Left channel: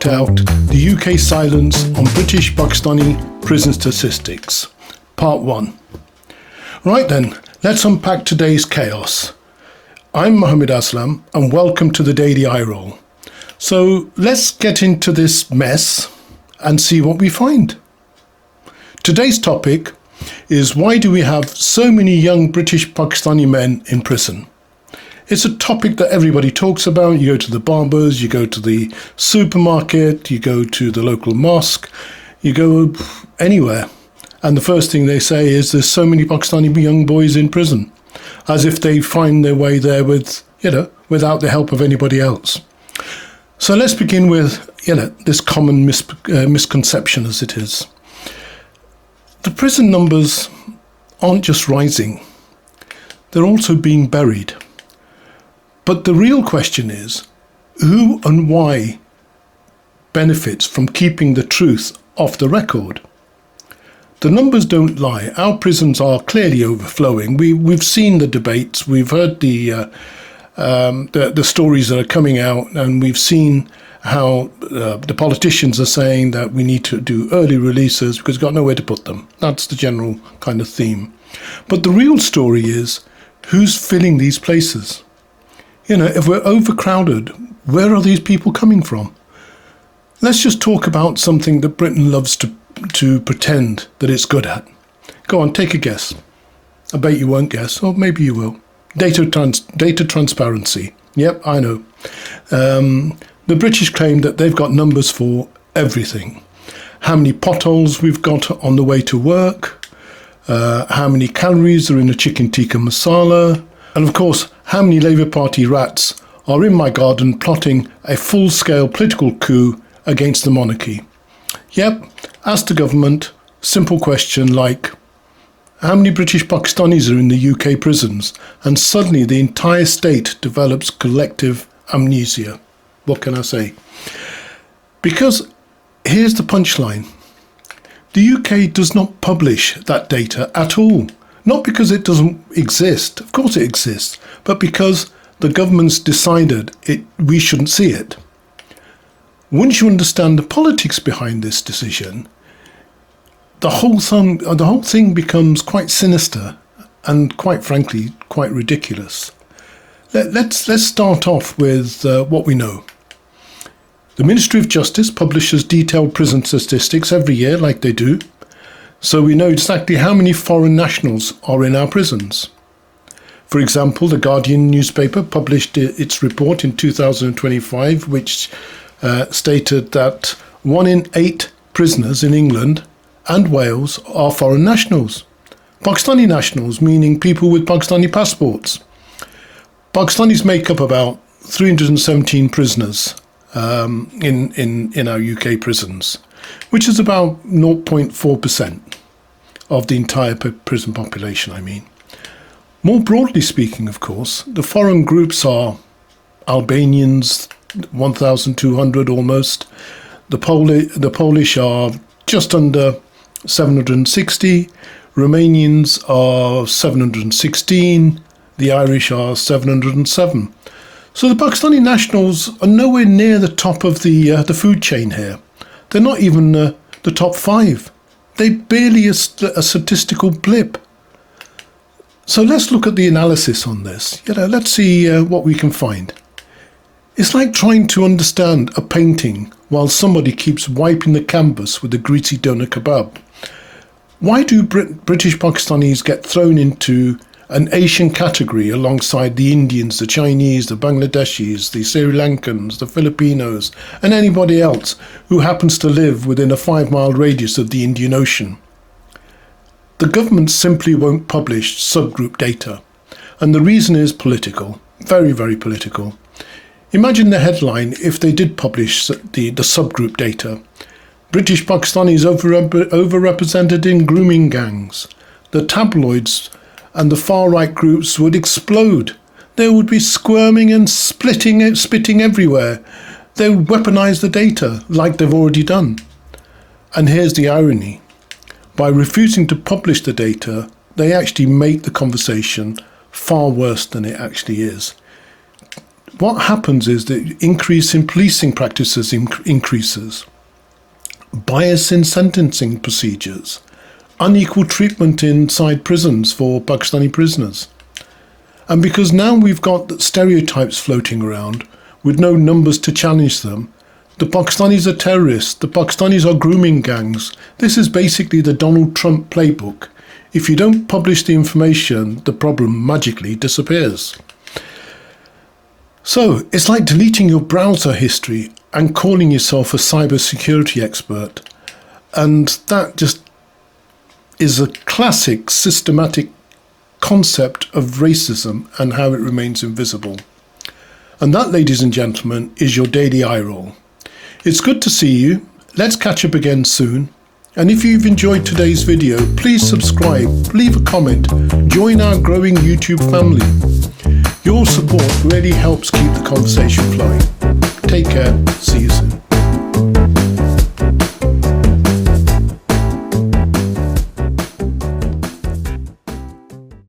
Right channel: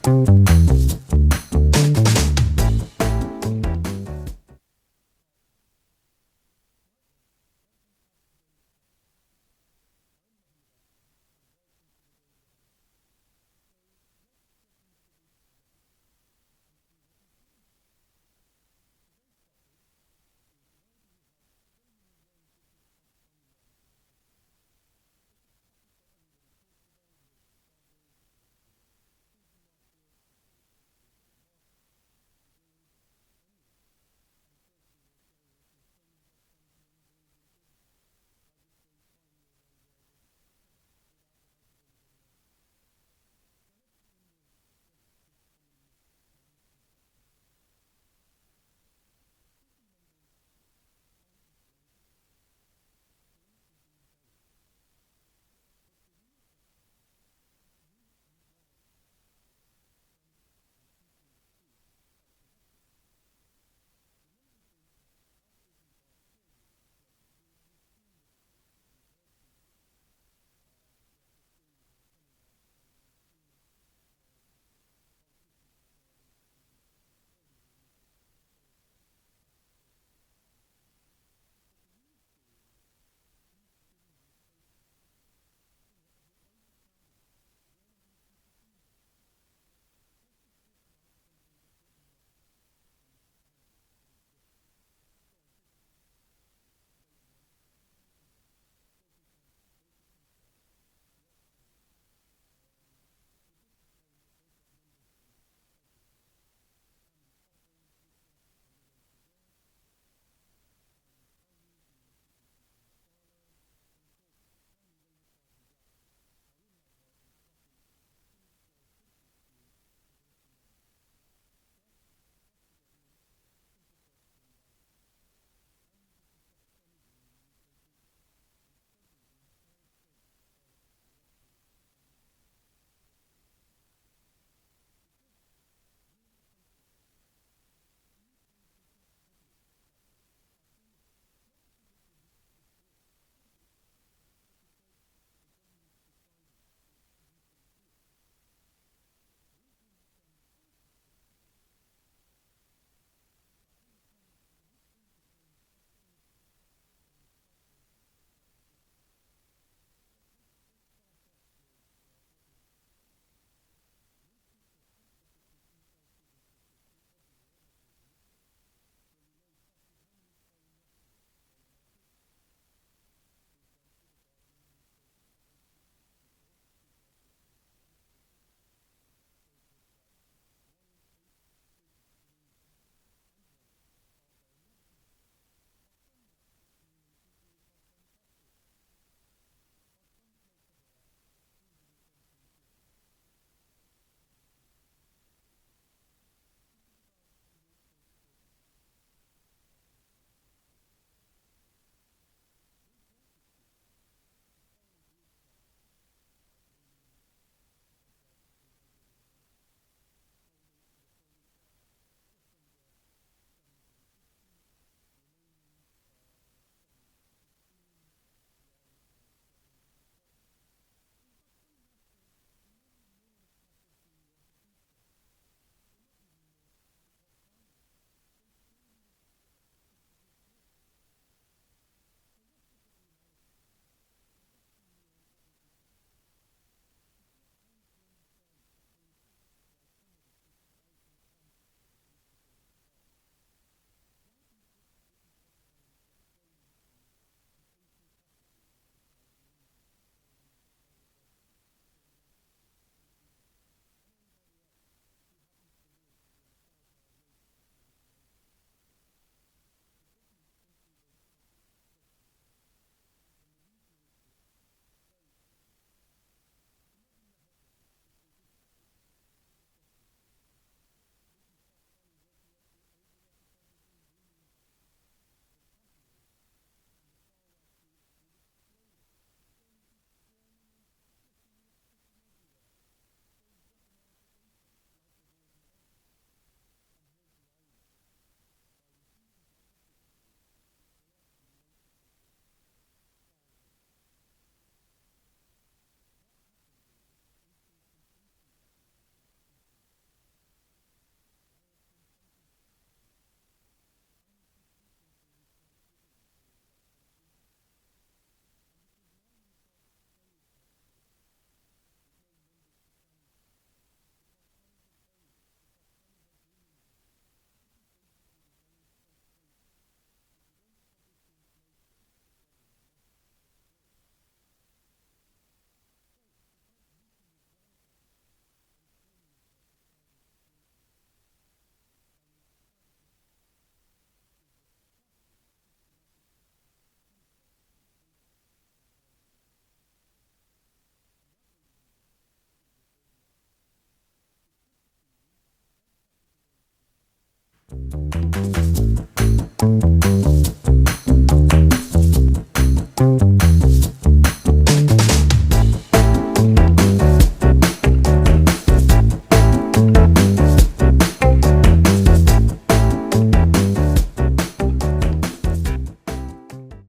worked out the UK silence on British Pakistani prison statistics. Part 1. Right then, let's unpack today's chaos. I'm Mohammed Aslam and welcome to the Daily Eye Roll. So let's get into this mess and see what we find. Today's topic is, why do we have so many young British Pakistani men in prison? It's a topic that everybody talks about. You go to the barbers, you go to the supermarket, you go to the local mosque, you go anywhere. And the first thing they say is there's so many Pakistani young boys in prison, as if they find their way there without the help of anybody else. So let's begin with, this common misconception as it is. The prison numbers aren't just rising, they're also being buried. But the real question is, who and why benefits from keeping the truth off the record? The numbers don't lie. Our prisons are clearly overflowing. We've seen the debates, we've heard the stories that are coming out, and we've seen how the politicians are saying that we need to do early releases because we've got nowhere to put them. That's the general kind of theme. But the real story is, who's filling these places? If we're overcrowded, where are these people coming from? Let's just talk about something that Britain loves to pretend that it's good at. Go on, take a guess. I bet you won't guess, or maybe you will. Data transparency. Yep, I know. The British claim that they've got numbers for everything. How many potholes we've got on the way to work, how many calories are in a chicken tikka masala, and of course, how many Labour Party rats are in my garden plotting a full-scale political coup against the monarchy. Yep, ask the government, simple question like, how many British Pakistanis are in the UK prisons? And suddenly the entire state develops collective amnesia. What can I say? Because here's the punchline. The UK does not publish that data at all. Not because it doesn't exist, of course it exists, but because the government's decided we shouldn't see it. Once you understand the politics behind this decision, the whole thing becomes quite sinister and, quite frankly, quite ridiculous. Let's start off with what we know. The Ministry of Justice publishes detailed prison statistics every year, like they do, so we know exactly how many foreign nationals are in our prisons. For example, the Guardian newspaper published its report in 2025, which stated that 1 in 8 prisoners in England and Wales are foreign nationals. Pakistani nationals, meaning people with Pakistani passports. Pakistanis make up about 317 prisoners in our UK prisons, which is about 0.4% of the entire prison population, I mean. More broadly speaking, of course, the foreign groups are Albanians, 1,200 almost. The Polish are just under 760. Romanians are 716. The Irish are 707. So the Pakistani nationals are nowhere near the top of the food chain here. They're not even the top 5. They're barely a statistical blip. So let's look at the analysis on this. Let's see what we can find. It's like trying to understand a painting while somebody keeps wiping the canvas with a greasy doner kebab. Why do British Pakistanis get thrown into an Asian category alongside the Indians, the Chinese, the Bangladeshis, the Sri Lankans, the Filipinos, and anybody else who happens to live within a 5-mile radius of the Indian Ocean? The government simply won't publish subgroup data, and the reason is political, very, very political. Imagine the headline if they did publish the subgroup data. British Pakistanis overrepresented in grooming gangs. The tabloids and the far-right groups would explode. They would be squirming and spitting everywhere. They would weaponize the data like they've already done. And here's the irony. By refusing to publish the data, they actually make the conversation far worse than it actually is. what happens is that increase in policing practices increases, bias in sentencing procedures, unequal treatment inside prisons for Pakistani prisoners. And because now we've got stereotypes floating around with no numbers to challenge them, the Pakistanis are terrorists, the Pakistanis are grooming gangs. This is basically the Donald Trump playbook. If you don't publish the information, the problem magically disappears. So it's like deleting your browser history and calling yourself a cybersecurity expert. And that just is a classic systematic concept of racism and how it remains invisible. And that, ladies and gentlemen, is your daily eye roll. It's good to see you. Let's catch up again soon. And if you've enjoyed today's video, please subscribe, leave a comment, join our growing YouTube family.